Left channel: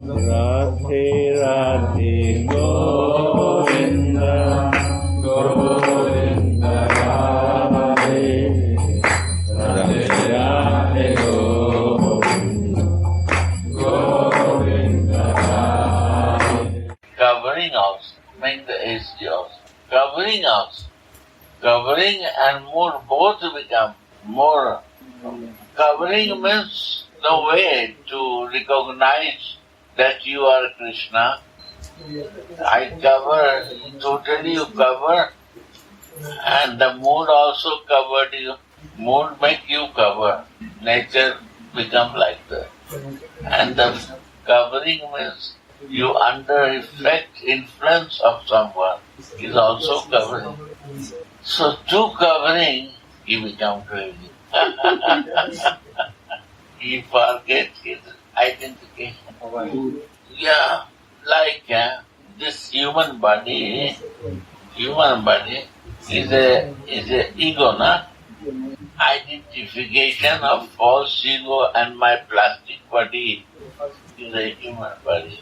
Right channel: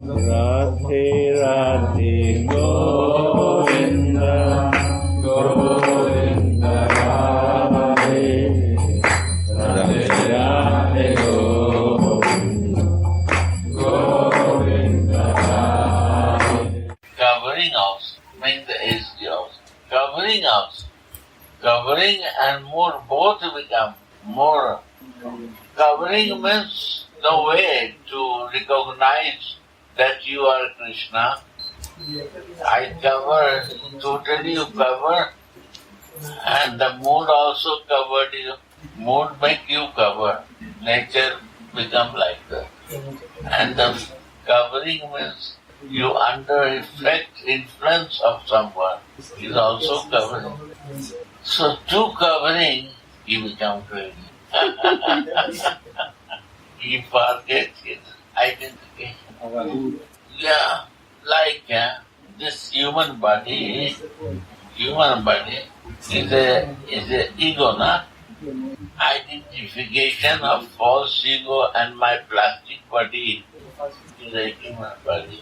Radhe Radhe Govinda Govinda Radhe Radhe Radhe Govinda Govinda Radhe. Covering also, make the SD also. Covering also. Covering and more both become more. Covering means the way to recognize that you are Krishna. I cover, totally you cover, and the mood also covered you. Mood make you cover. Nature become like that. And the covering means you under effect, influence of someone is also covering. So two covering, you become crazy. He forget his identification. Yeah, like this human body is a ego, na? Identification of false ego and my plastic body is a human body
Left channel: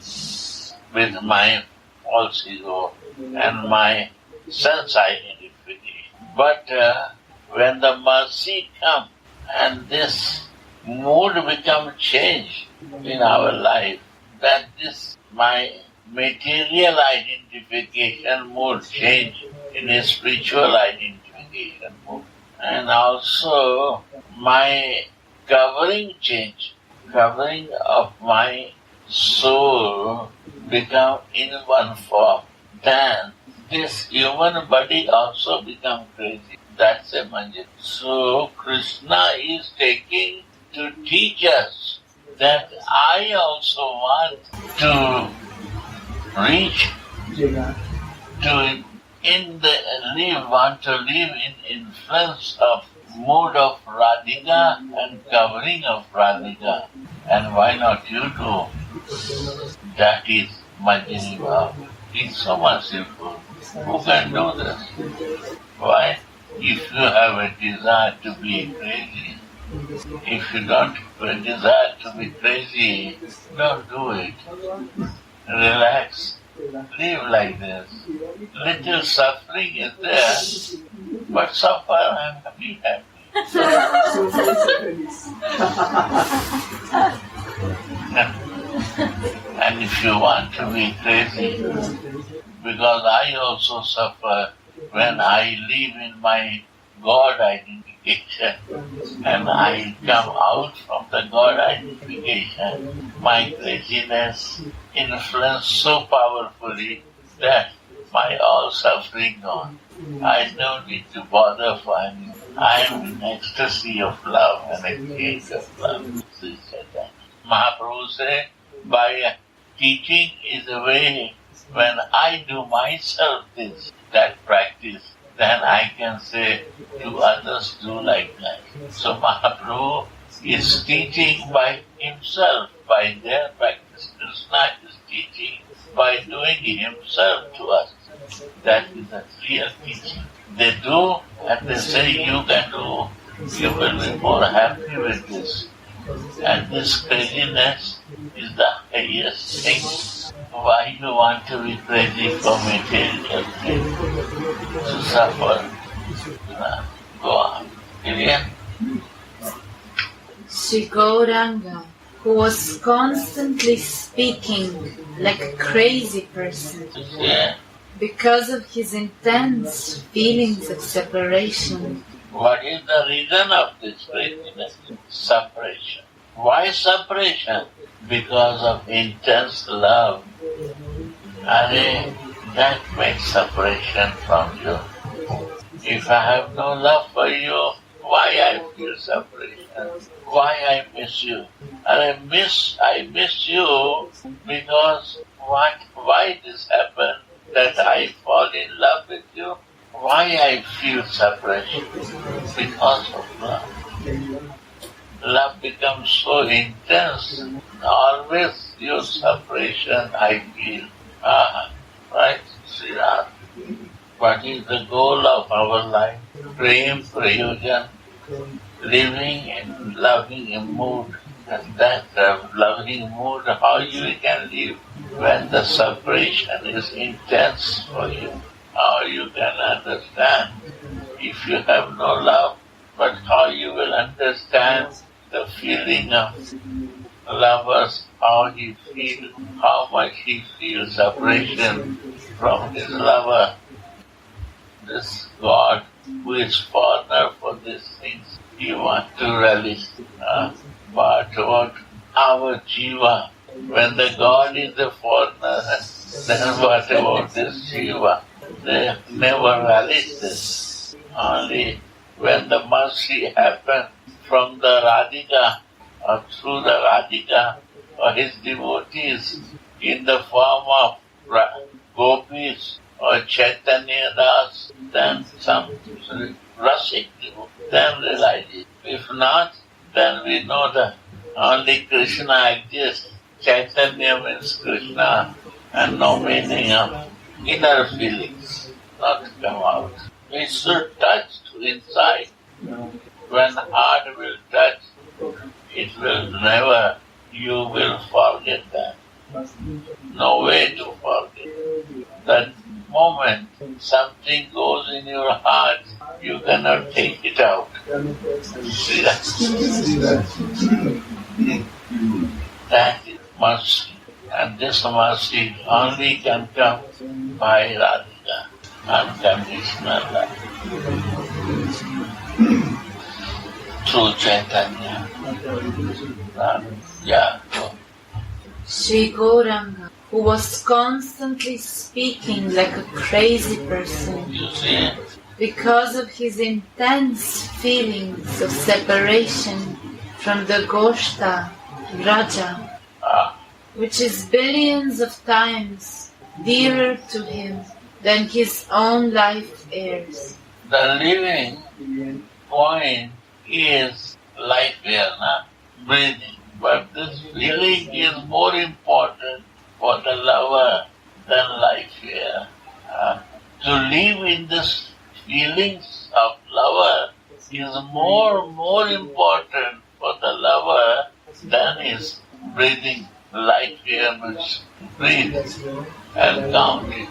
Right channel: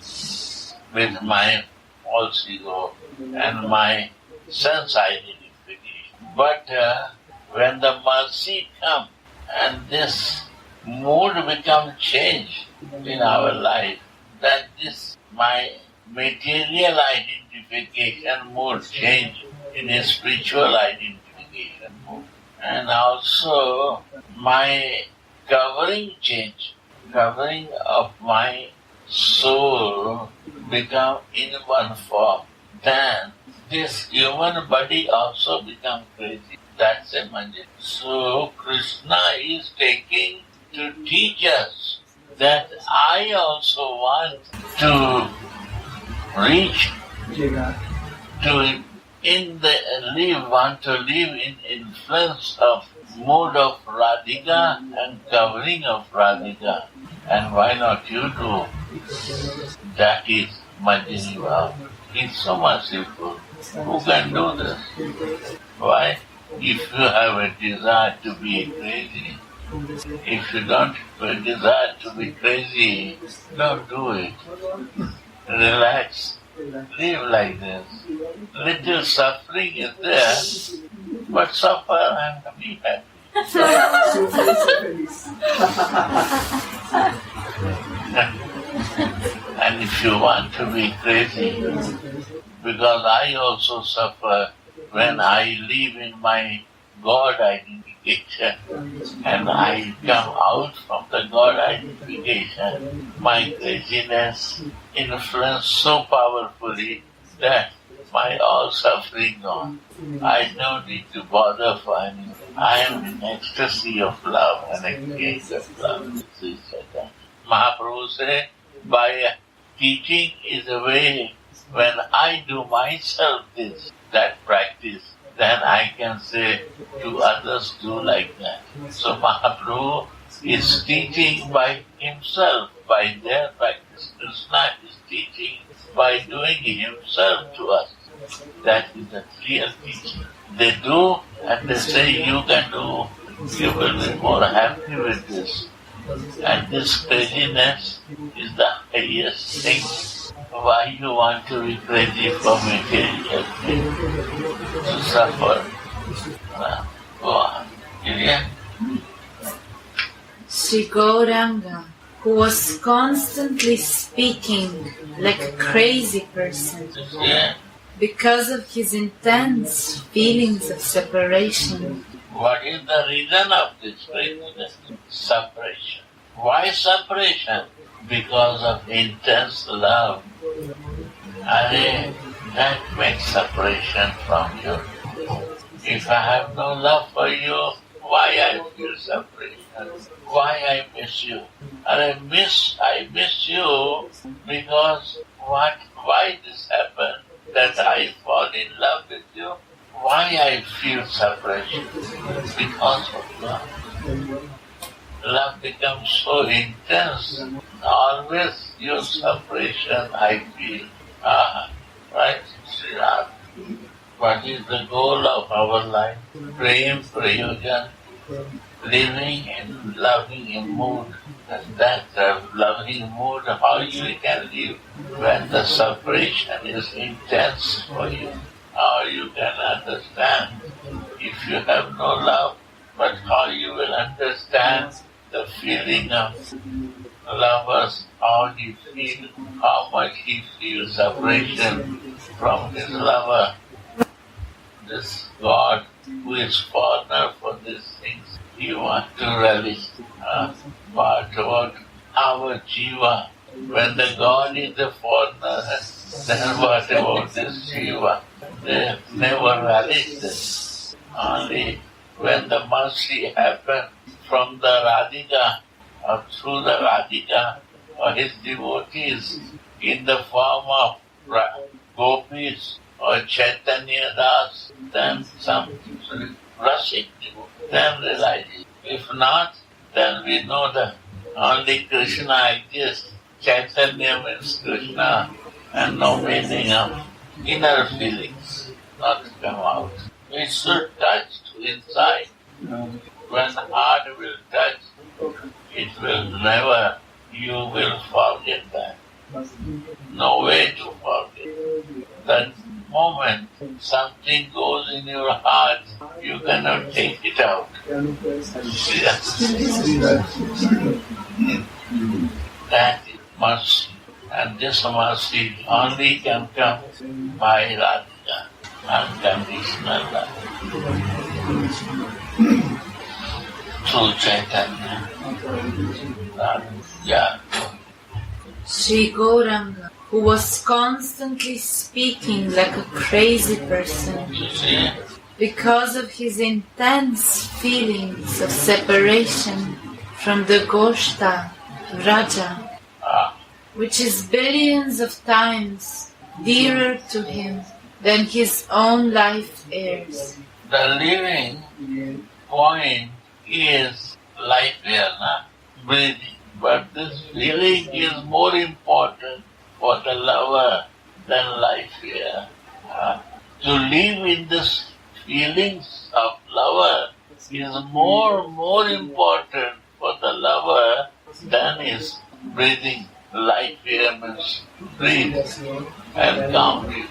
with my false ego and my sense identification. But when the mercy comes and this mood becomes changed in our life, that this my material identification mood change in a spiritual identification mood. And also my covering change, covering of my soul become in one form. Then this human body also become crazy. That's a manjit. So Krishna is taking to teach us that I also want to reach want to live in influence of mood of Radhika and covering of Radhika. And why not you too? That is Majjhini Bhav. He's so merciful. Who can do this? Why? If you have a desire to be crazy, if you don't desire to be crazy, don't do it. Relax. Live like this. Little suffering is there, but suffer and be happy. And if you want to be crazy, because I also suffer when I live in my God identification and I come out from the God identification, my craziness influences so powerfully that my all suffering gone. I don't need to bother for anything. I am in ecstasy of love and exchange of love. Mahaprabhu said, by teaching is a way when I do myself that practice, then I can say to others do like that. So Mahaprabhu is teaching by himself, by their practice. Krishna is teaching by doing himself to us. That is the real teaching. They do and they say you can do. You will be more happy with this. And this craziness is the highest thing. Why you want to be crazy for material things? To suffer. Go on. Gideon? Sri Gauranga, who was constantly speaking like a crazy person because of his intense feelings of separation. What is the reason of this craziness? Separation. Why separation? Because of intense love. And that makes separation from you. If I have no love for you, why I feel separation? Why I miss you? And I miss you because why this happened? That I fall in love with you? Why I feel separation? Because of love. Love becomes so intense. Always your separation I feel. Right, Sri Ram? What is the goal of our life? Prem, Prayojan, living in loving mood, that loving mood, how you can live when the separation is intense for you. How you can understand if you have no love, but how you will understand the feeling of lovers, how he feels, how much he feels separation from his lover. This God who is foreigner for these things, he wants to relish. But what our Jiva, when the God is the foreigner, then what about this Jiva? They never relish this. Only when the mercy happens from the Radhika or through the Radhika or his devotees in the form of gopis or Chaitanya Das, then some Rasik devotee, then realize it. If not, then we know that only Krishna exists. Chaitanya means Krishna and no meaning of inner feelings not come out. We should touch inside. When heart will touch, it will never, you will forget that. No way to forget. That moment something goes in your heart, you cannot take it out. That is mercy. And this mercy only can come by Radhika, unconditional love. Through Chaitanya. Yeah. Sri Gauranga, who was constantly speaking like a crazy person You see? because of his intense feelings of separation from the Goshta, Raja, which is billions of times dearer to him than his own life heirs. The living point is life here, not breathing. But this feeling is more important for the lover than life here. To live in this feelings of lover is more important for the lover than his breathing. Life here means breathe and count it.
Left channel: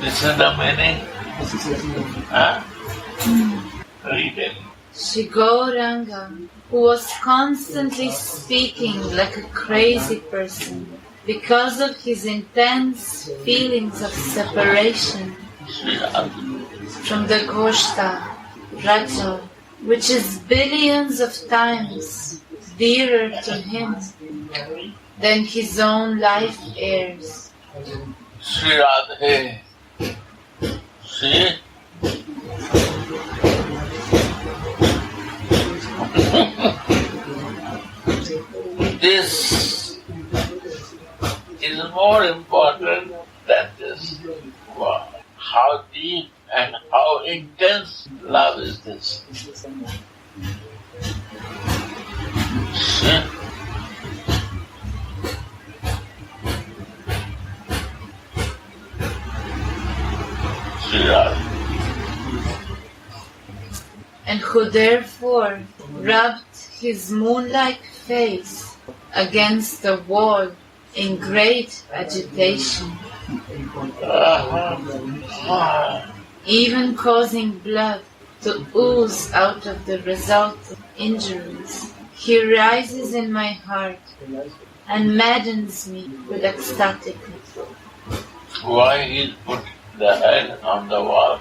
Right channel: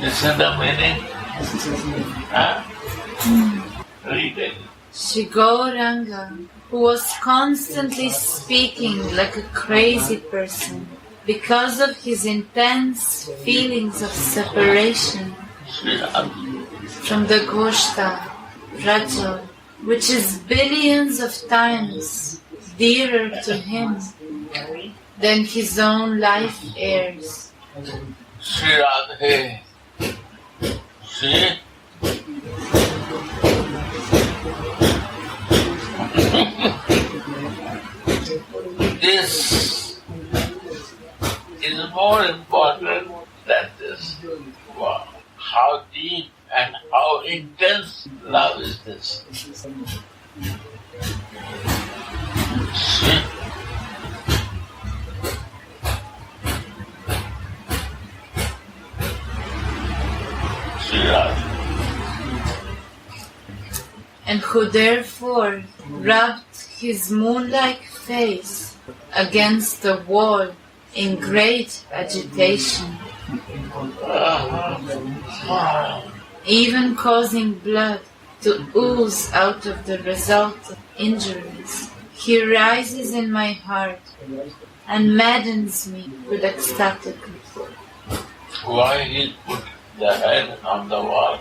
This is the meaning. Read it. Sri Gauranga, who was constantly speaking like a crazy person because of his intense feelings of separation from the Goshta, Raja, which is billions of times dearer to him than his own life heirs. Sri Radhe. See? This is more important than this. Wow. How deep and how intense love is this. See? Sri Radhe. And who therefore rubbed his moon-like face against the wall in great agitation, even causing blood to ooze out of the result of injuries. He rises in my heart and maddens me with ecstaticness. Why he put the head on the wall?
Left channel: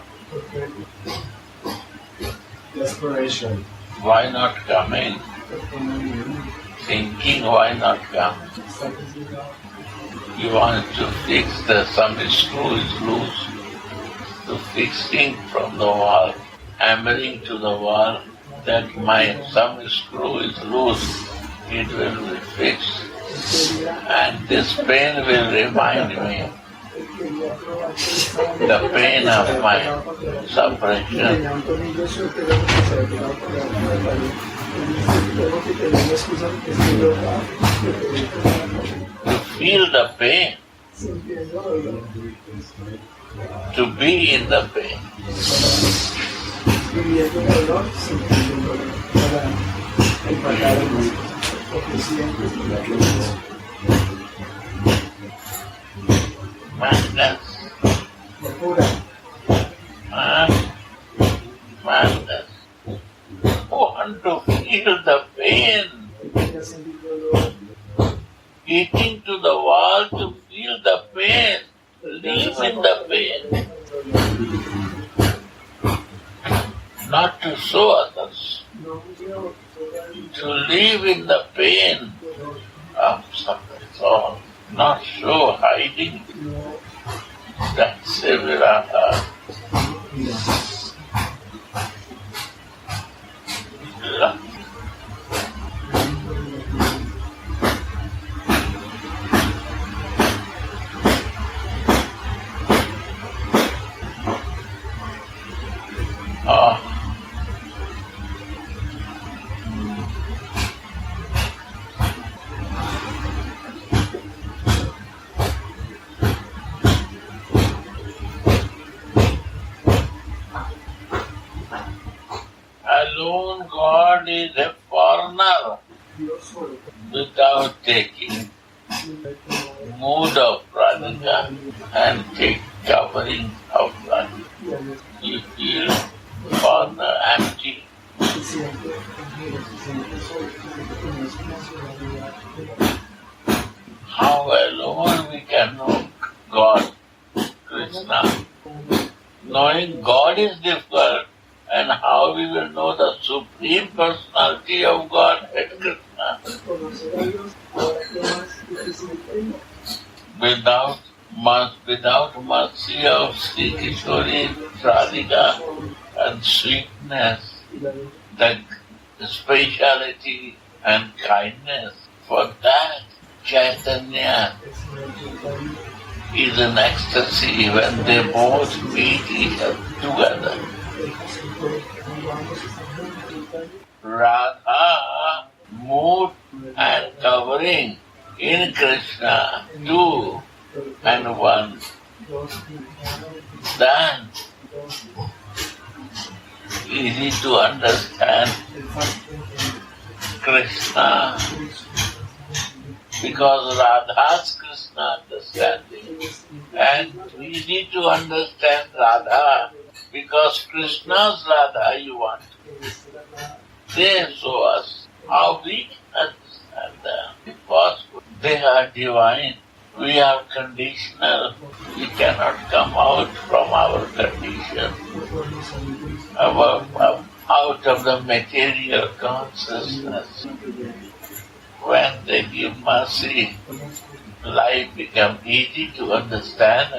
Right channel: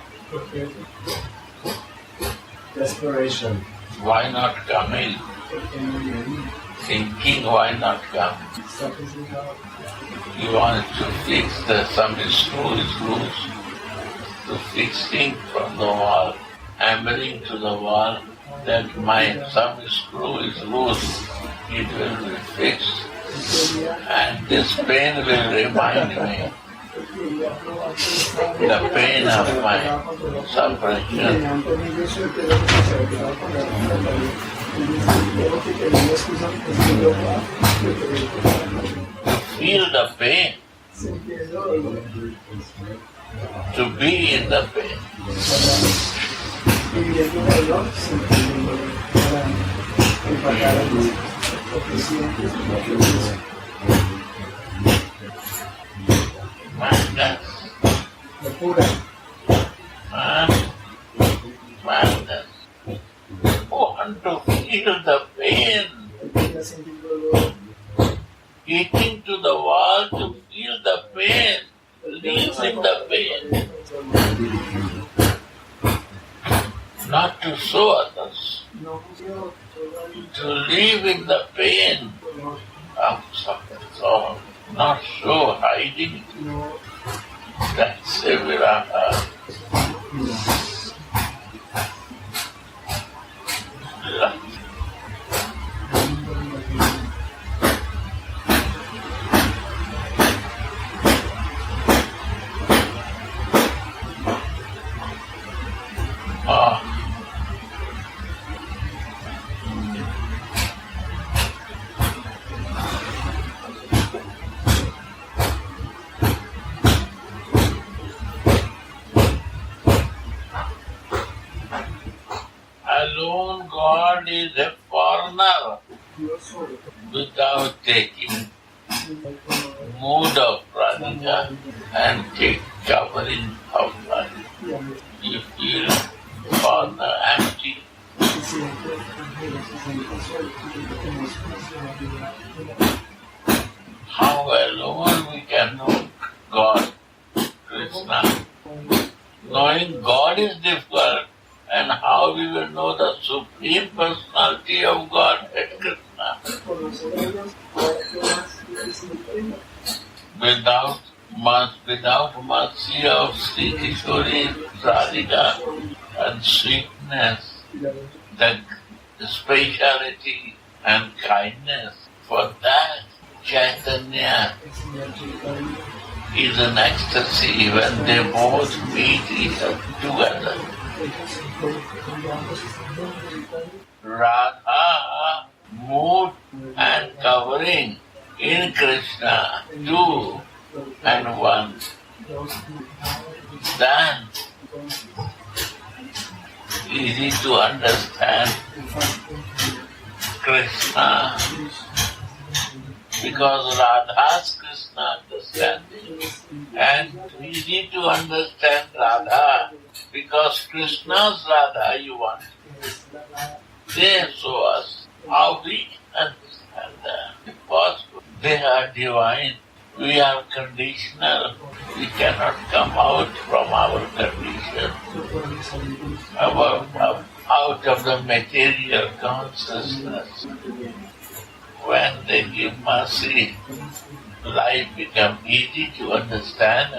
Desperation. Why not come in? Thinking, why not come? You want to fix some screw is loose. To fixing from the wall, hammering to the wall that some screw is loose. It will be fixed. And this pain will remind me the pain of my separation. To feel the pain, to be in the pain. Madness. Madness. Want to feel the pain. Hitting to the wall to feel the pain. Live in the pain. Not to show others. To live in the pain of suffering. So, not so hiding. That's a viraha. Alone God is a foreigner without taking mood of Radhika and take covering of Radhika. You feel foreigner empty. How alone we can know God, Krishna. Knowing God is difficult. And how we will know the Supreme Personality of Godhead, Krishna? Without mercy of Sri Kishori, Radhika, and sweetness, the speciality and kindness, for that Chaitanya is an ecstasy when they both meet each other together. Radha, mood and covering in Krishna, two and one. Then easy to understand Krishna because Radha's Krishna understanding, and easy to understand Radha because Krishna's Radha you want. They show us how we understand them. Impossible. They are divine. We are conditional. We cannot come out from our condition, out of the material consciousness. When they give mercy, life becomes easy to understand.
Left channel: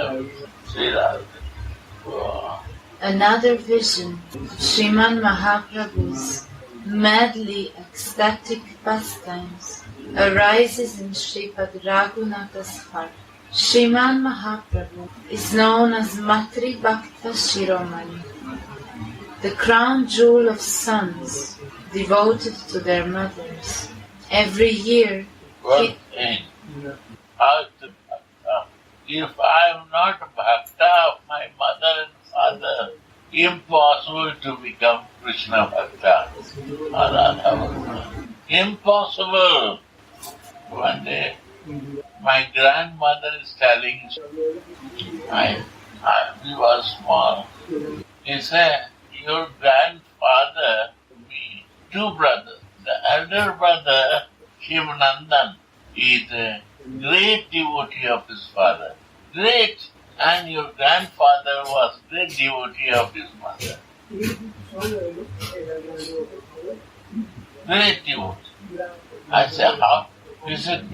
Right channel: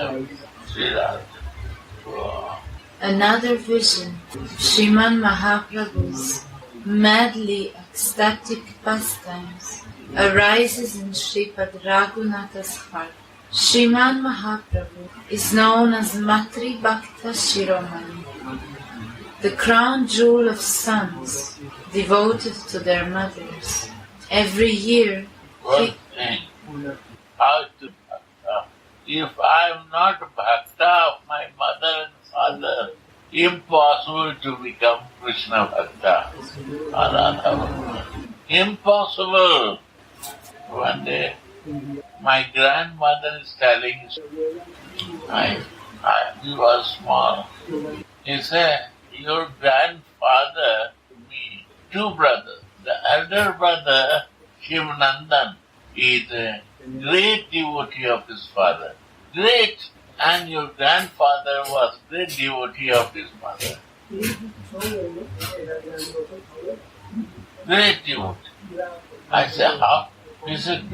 Another vision of Sriman Mahaprabhu's madly ecstatic pastimes arises in Sripad Raghunatha's heart. Sriman Mahaprabhu is known as Matri Bhakta Shiromani, the crown jewel of sons devoted to their mothers. Every year, if I am not Bhakta of my mother and father, impossible to become Krishna Bhakta or Radha Bhakta. Impossible. One day, my grandmother is telling, he was small. He said, your grandfather, me, two brothers. The elder brother, Shivanandan, is a great devotee of his father. Great. And your grandfather was great devotee of his mother. Great devotee. I said, how? He said,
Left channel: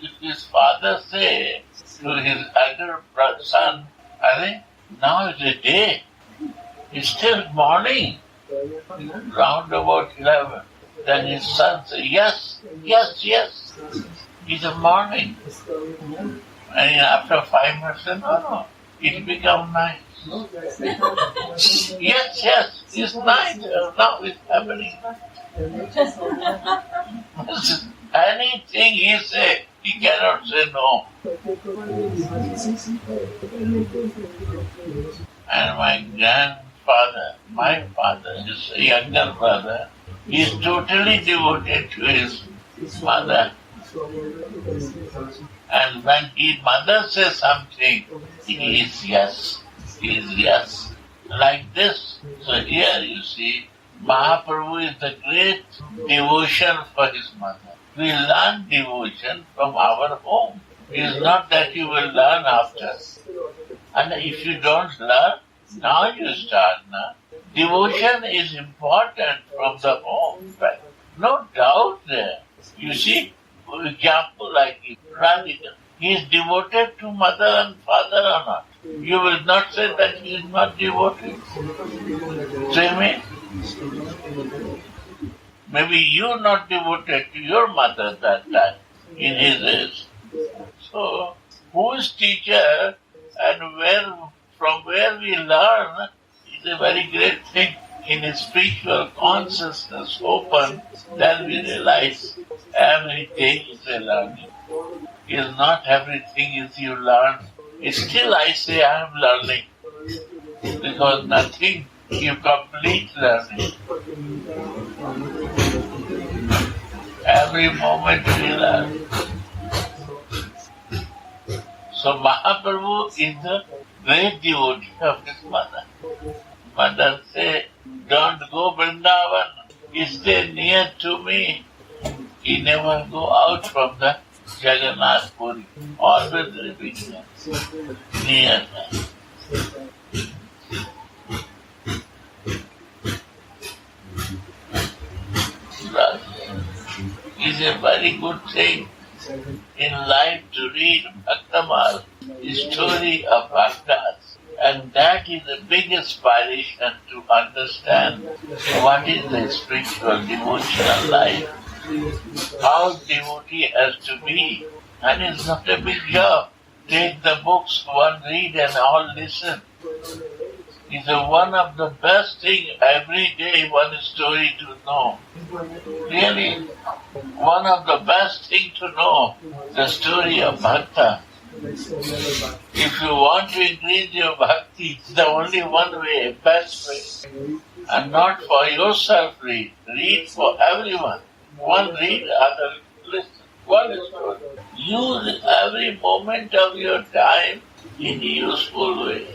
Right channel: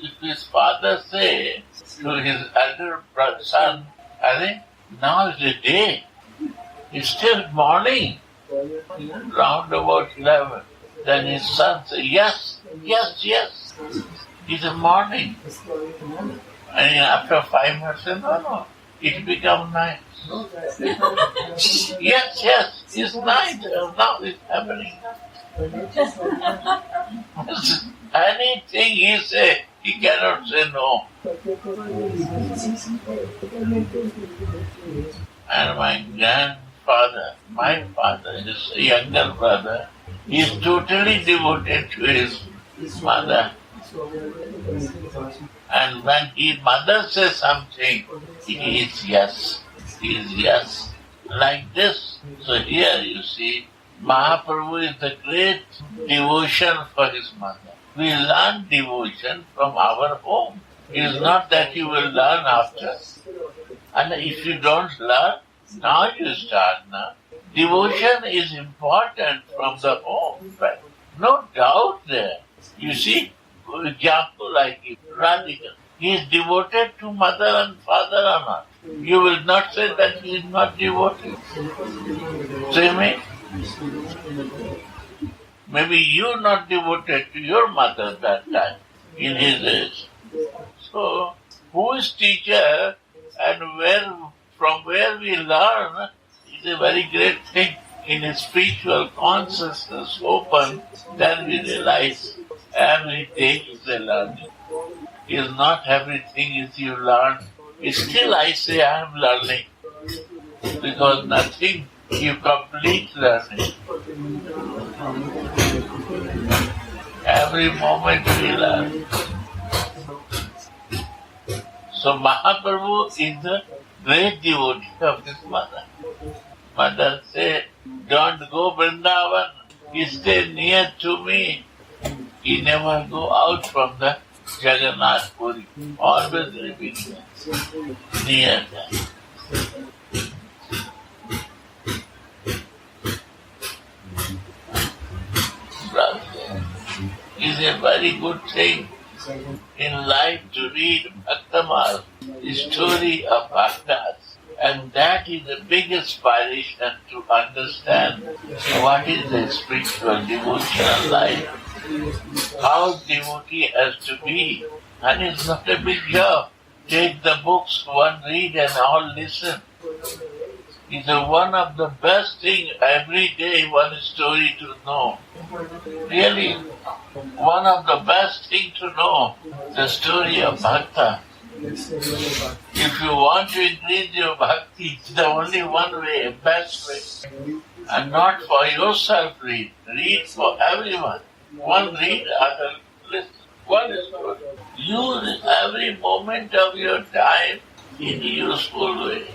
if his father say to his elder son, I think now is the day. It's still morning. Round about 11. Then his son said, yes. It's a morning. And after 5 minutes, no, it become night. Yes, it's night. Now it's happening. Anything he say, he cannot say no. And my grandfather, my father, his younger brother, is totally devoted to his mother. And when mother says something, he is yes. He is yes. Like this. So here you see, Mahaprabhu is the great devotion for his mother. We learn devotion from our home. It is not that you will learn after. And if you don't learn, now you start now. Devotion is important from the home. Right? No doubt there. You see, for example, like Radhika, he is devoted to mother and father or not. You will not say that he is not devoted. Say me? Maybe you are not devoted to your mother that time, in his age. So, who is teacher and from where we learn is a very great thing. In a spiritual consciousness open, then we realize everything is a learning. Is not everything is you learn. Still I say I am learning. Because nothing you complete learning. Every moment we learn. So Mahaprabhu is the great devotee of his mother. Mother say, don't go Vrindavan, stay near to me. He never go out from the Jagannath Puri, always repeating near that. Is a very good thing in life to read Bhaktamal, the story of Bhaktas. And that is the big inspiration to understand what is the spiritual devotional life, how devotee has to be. And it's not a big job. Take the books, one read and all listen. It's one of the best thing every day, one story to know. Really, one of the best thing to know, the story of Bhakta. If you want to increase your bhakti, it's the only one way, best way. And not for yourself read. Read for everyone. One read, other listen. One is good. Use every moment of your time in a useful way.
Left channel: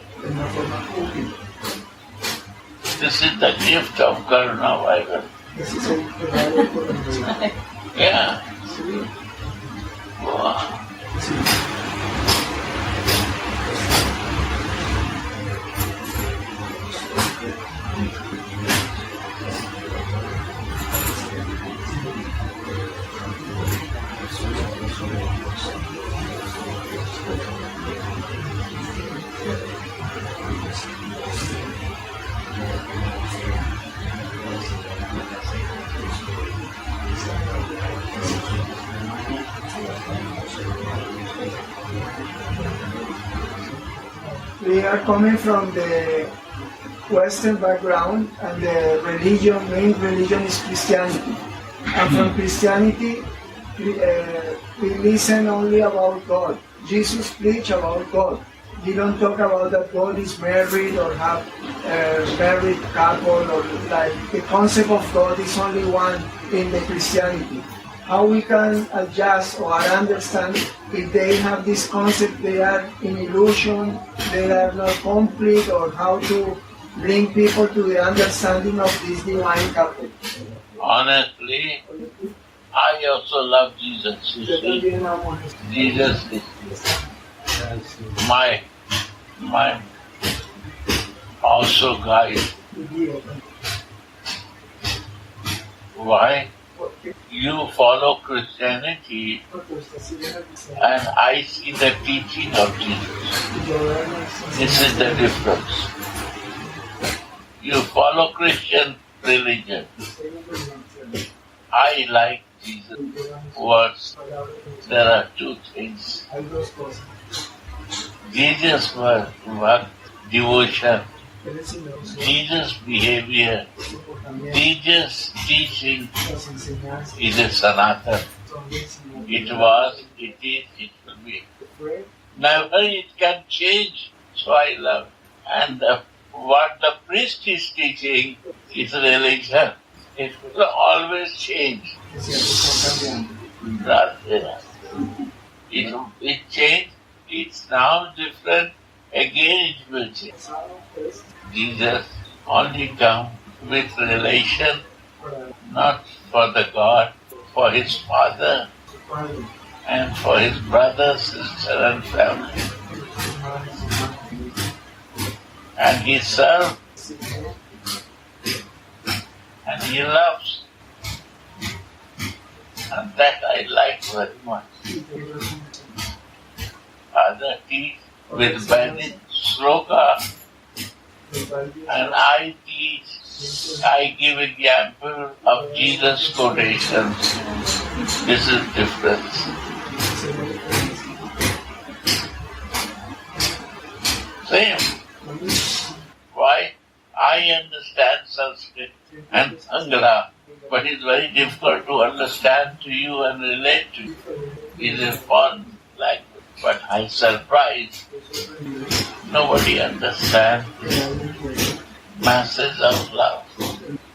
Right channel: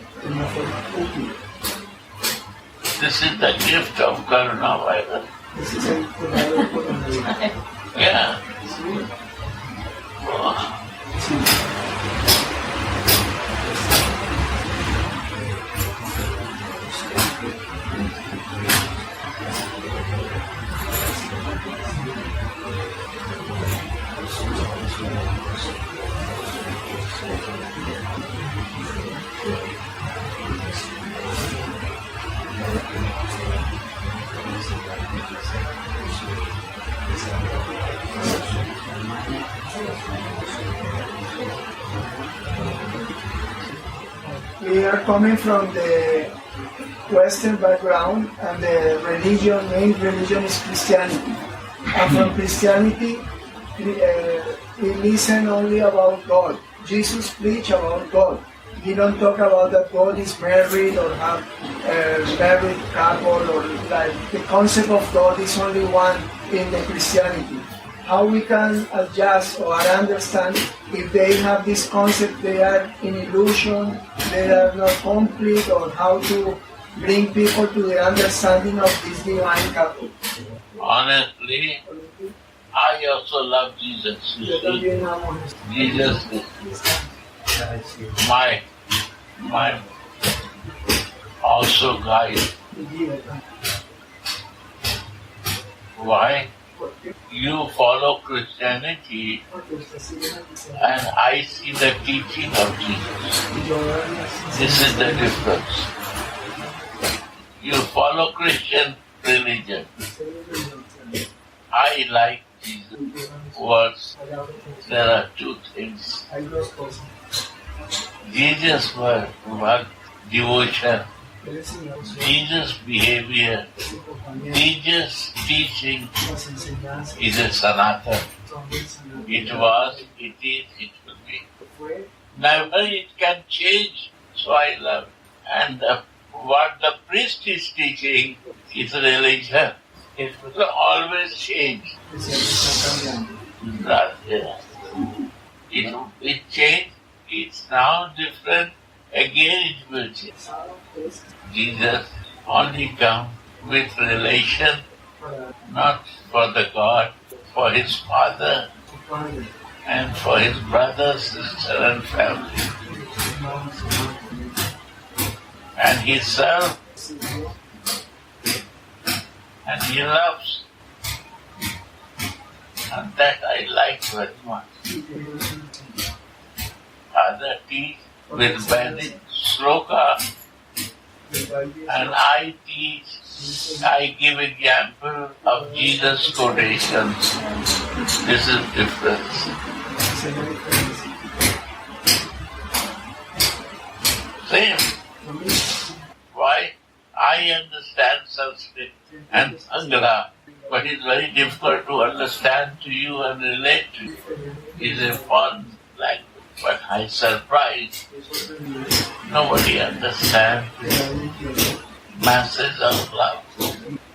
This is the gift of Karuna Bible. Yeah. Wow. We are coming from the Western background, and the main religion is Christianity. And from Christianity, we listen only about God. Jesus preached about God. He don't talk about that God is married or have a married couple, or like the concept of God is only one in the Christianity. How we can adjust or understand if they have this concept, they are in illusion, they are not complete, or how to bring people to the understanding of this divine couple. Honestly, I also love Jesus. You see, Jesus is my also guide. Why? You follow Christianity and I see the teaching of Jesus. This is the difference. You follow Christian religion. I like Jesus' words. There are two things. Jesus' word, devotion. Jesus' behavior, Jesus' teaching is a sanatan. It was, it is, it will be. Never it can change, so I love. And what the priest is teaching is religion. It will always change. que siempre están cambiando. Radhe. It changed, it's now different, again it will change. Jesus only come with relation, not for the God, for his father and for his brother, sister and family. And he serves and he loves. And that I like very much. Father teach with Vedic sloka, and I teach, I give example of Jesus' quotations. This is difference. Same. Why? I understand Sanskrit and Angla, but it's very difficult to understand to you and relate to you. It's a foreign language. But I surprised. Nobody understands masses of love.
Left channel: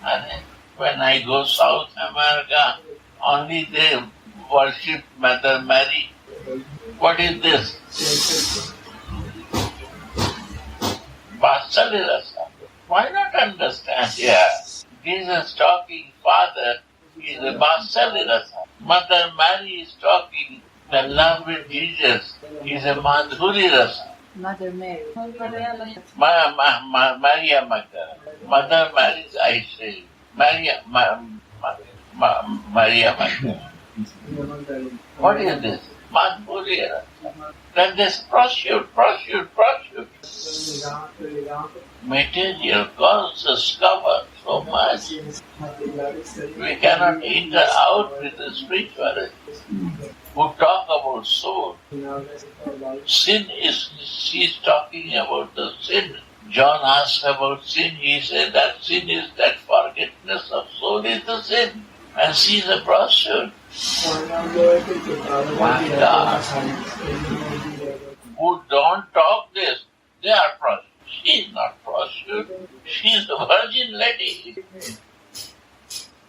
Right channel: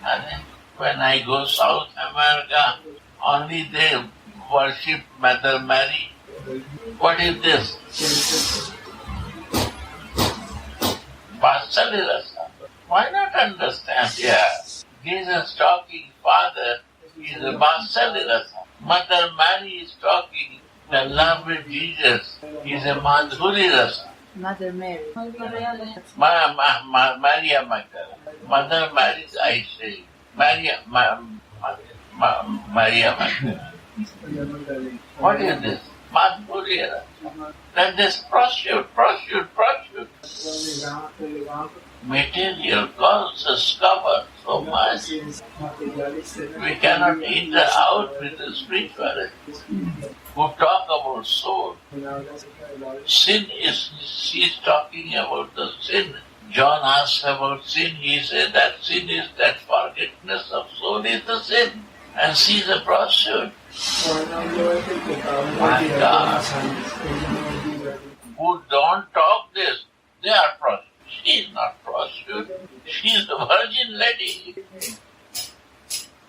And when I go South America, only they worship Mother Mary. What is this? Basalirasa. Why not understand here? Jesus talking Father is a Basalirasa. Mother Mary is talking the love with Jesus is a Madhuri Rasa. Mother Mary. Maria Magdalene. Mother Mary, I say. Maria Magdalene. What is this? Madhuri Rasa. Then this prosciutto. Material causes cover so much. We cannot enter out with the spirituality. Who talk about soul. Sin is, she's talking about the sin. John asked about sin, he said that sin is that forgetfulness of soul is the sin. And she's a prostitute. My God. Who don't talk this, they are prostitutes. She's not prostitute. She's the virgin lady.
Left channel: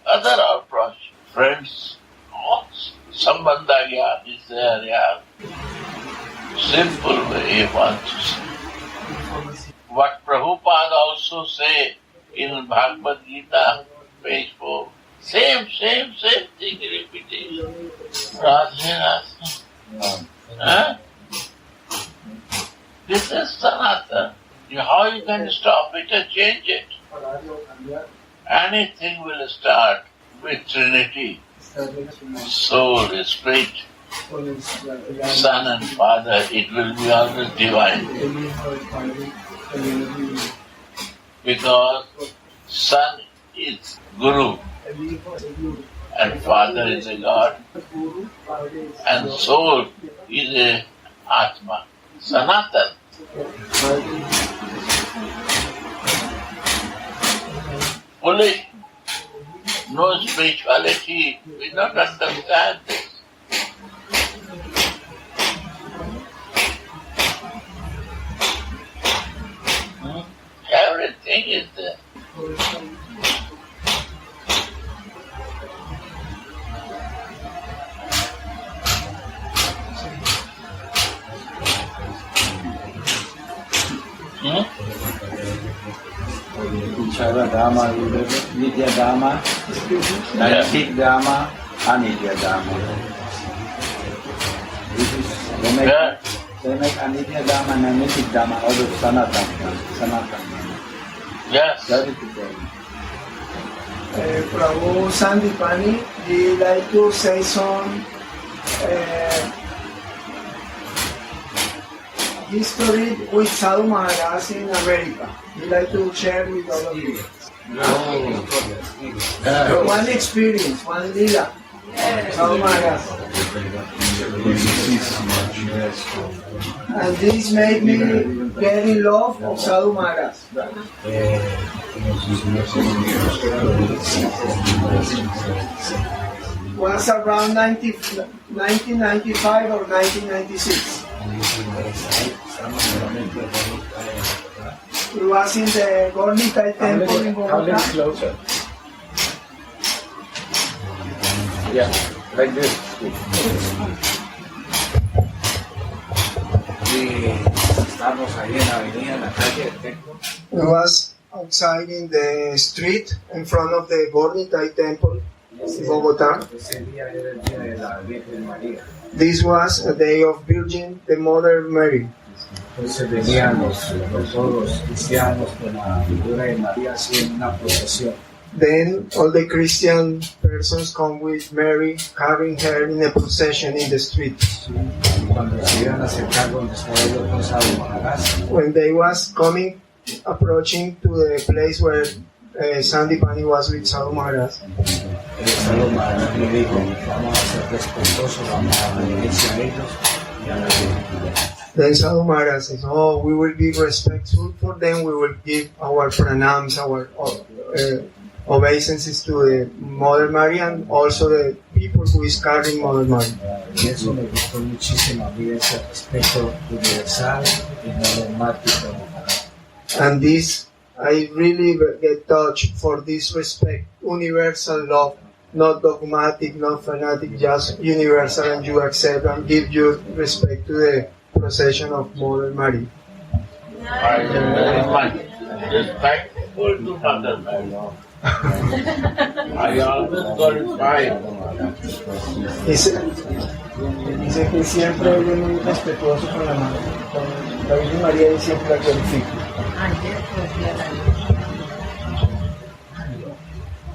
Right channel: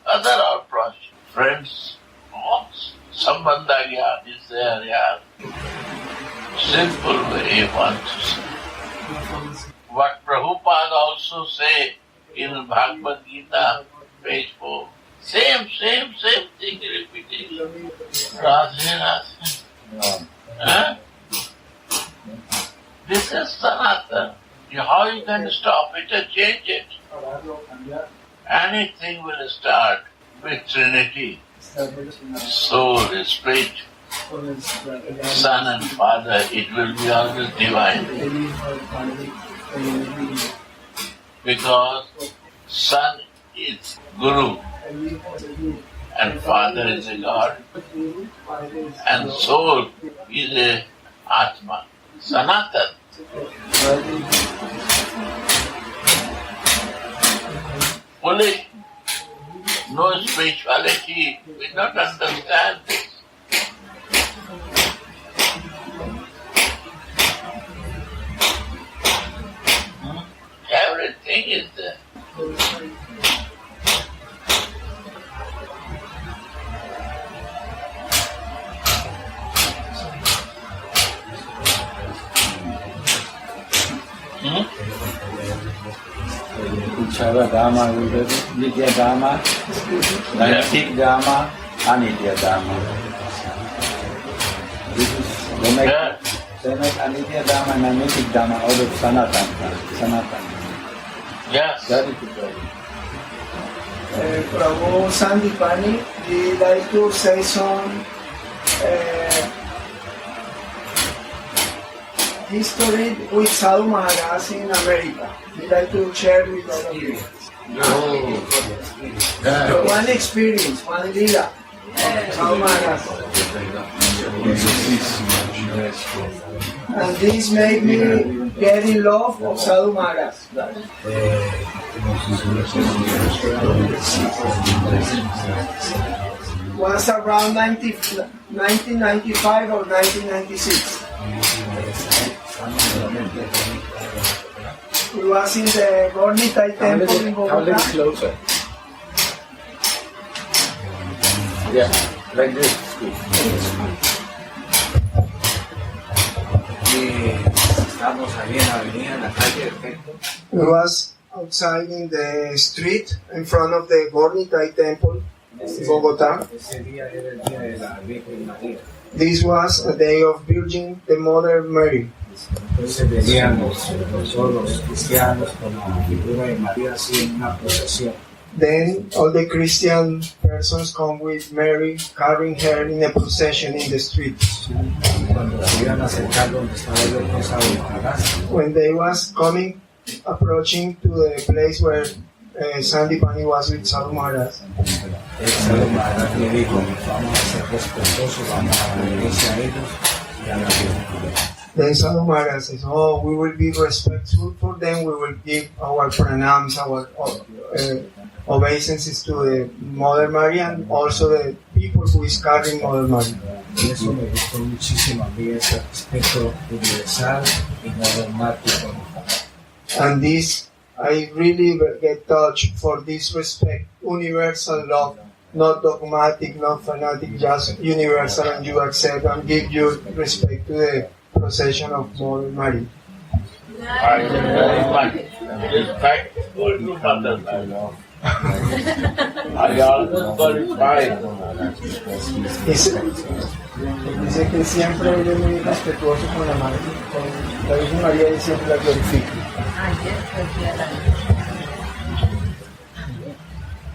Other are prostitutes. Friends, Sambandha Gyan is there, yeah. Simple way he wants to say. What Prabhupada also say in Bhagavad Gita, page 4. Same thing repeating. Radhe. Huh? This is Sanatana. How you can stop it or change it? Anything will start with Trinity. Soul, Spirit, Son and Father, it will be always divine. Because Son is Guru and Father is a God and Soul is a Atma, Sanatana. Foolish. No spirituality, we don't understand this. Everything is there. Uchara Dharma, Nitya Dharma, Naitik Dharma, Anitya Dharma. They make Anitya Dharma and Naitik Dharma out of Sanatana. Yes. Prabhu Sandipani, he like to say some history with Sadhu Maharaj in America. He like to share with all of you. One experience, one lila. Sadhu Maharaj. And this made me get in love of Sadhu Maharaj. Was around 1995 or 1996. We was in the Gauranga temple in Bogota. Closer. Yeah, like this. Estamos ahí en la avenida, en la calle del Templo. We was outside in the street in front of the Gornitai temple in Bogota. Ese día era el día de la Virgen María. This was a day of Virgin, the Mother Mary. Entonces venían todos los cristianos con la figura de María así en una procesión. Then all the Christian persons come with Mary, carrying her in a procession in the street. Cuando se iban a acercar donde estaba yo con Sadhu Maharaj, When they was approaching to the place where Sandipani was with Sadhu Maharaj, el Sadhu Maharaj me dijo, vamos a ser respetuosos, vamos a reverencia a ellos y a la Virgen. then Sadhu Maharaj says, oh, we will be respectful for them, we will give our pranams, our obeisances to the Mother Mary and also the people who is carrying Mother Mary. Y eso me gustó muchísimo a mí, ese respeto universal y no dogmático. And this, I really get touched for this respect, universal love, not dogmatic, not fanatic, just universal, and you accept and give your respect to the procession of Mother Mary. I am very much respectful to Mother Mary. I always glorify her. Dice que siempre él es muy respetuoso con la madre, con la Virgen María, y siempre la glorifica.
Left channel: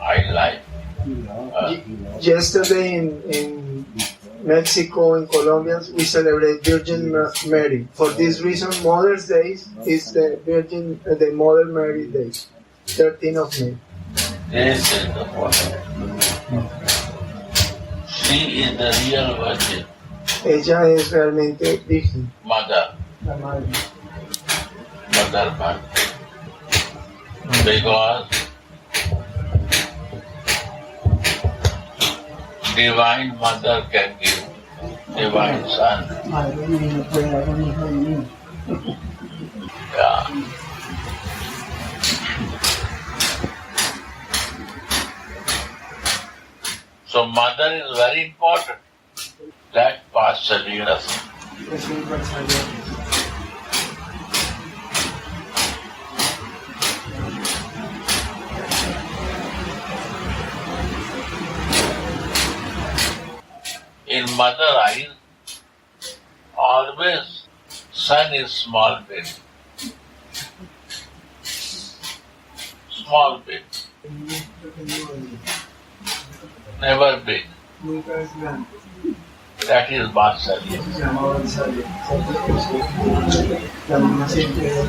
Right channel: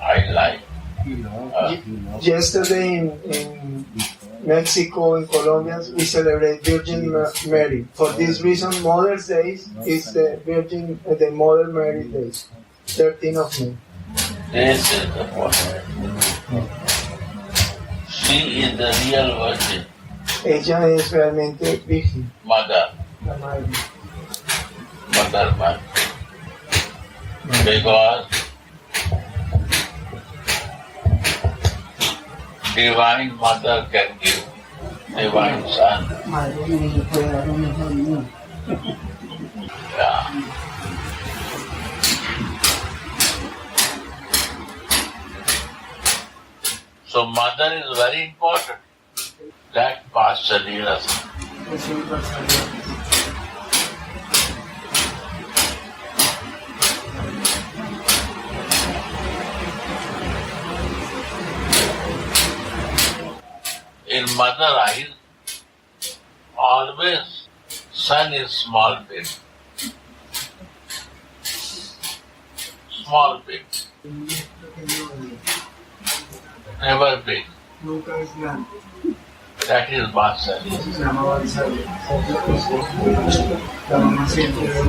I like Yesterday in Mexico, in Colombia, we celebrate Virgin Mary. For this reason, Mother's Day is the Mother Mary Day, 13th of May. this is the point. She is the real virgin, Ella es realmente virgen, mother, la madre. Mother Mary. Because Divine Mother can give Divine Son. Madre mía, no puede dar un hijo mío. Yeah. So mother is very important. That Pastor us. Es universal. In mother eyes, always son is small bit. Small bit, never big. Nunca es grande. That is Vatsarya. Se llama Vatsarya. La mamá siempre es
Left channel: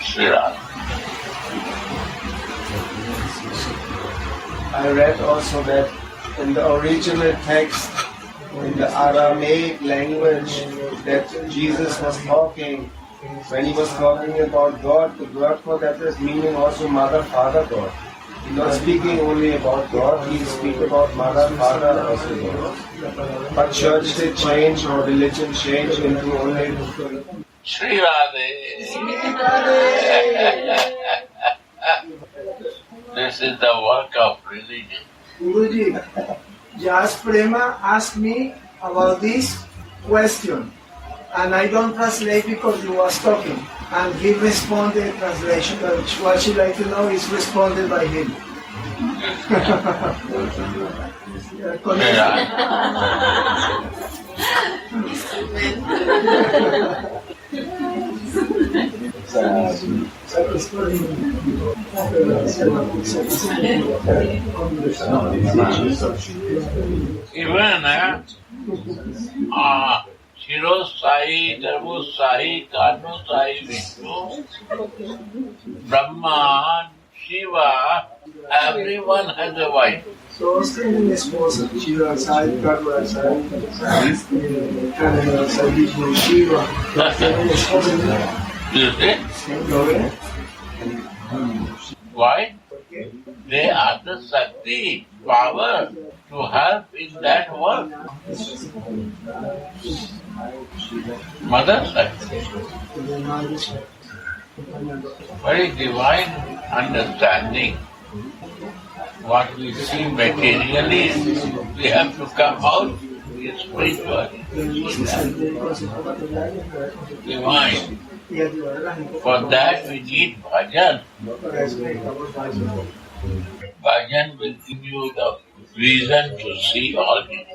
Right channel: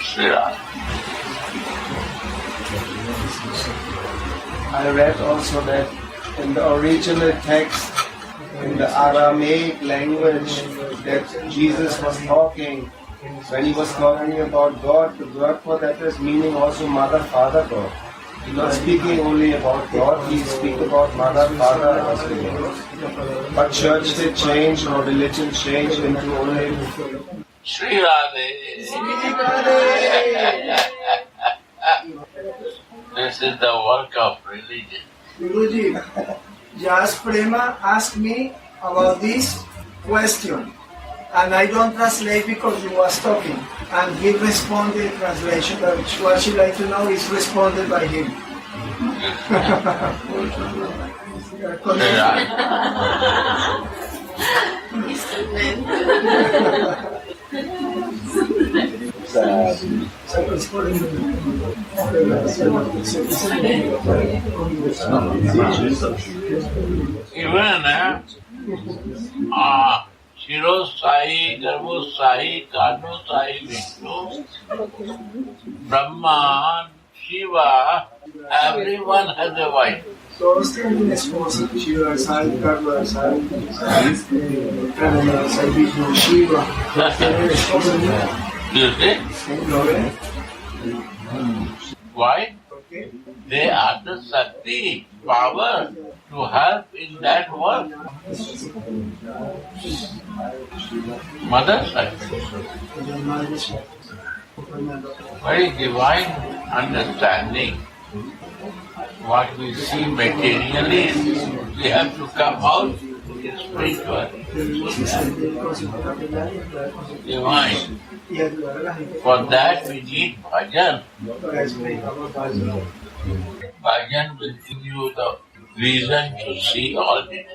Sri Ram. I read also that in the original text, in the Aramaic language, that Jesus was talking, when he was talking about God, the word for that is meaning also Mother, Father, God. He's not speaking only about God, he speaks about Mother, Father also. But church did change or religion changed into only Sri Radhe. This is the work of religion. Guruji, Jas Prema asked me about this question, and I don't translate because he was talking, and he responded in translation, which what she like to know is responded by him. Sri Radhe. Even Shiro Sai, Garbo Sai, Kano Sai, Vishnu, Brahma, Shiva, everyone has a wife. Todos tienen esposa, Shiva Sai, Karma Sai, Kanana Sai, Vishnu, Shiva, todos tienen esposa. You see? ¿Lo ven? Why? ¿Por qué? They are the Shakti, power to help in that work. Mother Shakti. Very divine understanding. what we see materially, we have to come out spiritual. Divine. For that we need bhajan. Bhajan will give you the reason to see all this.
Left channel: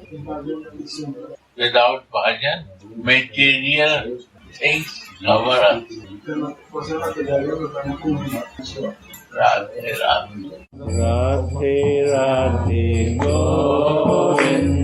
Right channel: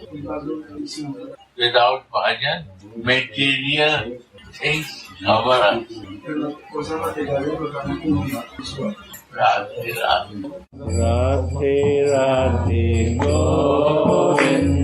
Without bhajan, material things cover us. Radhe Radhe. Radhe Radhe Govinda.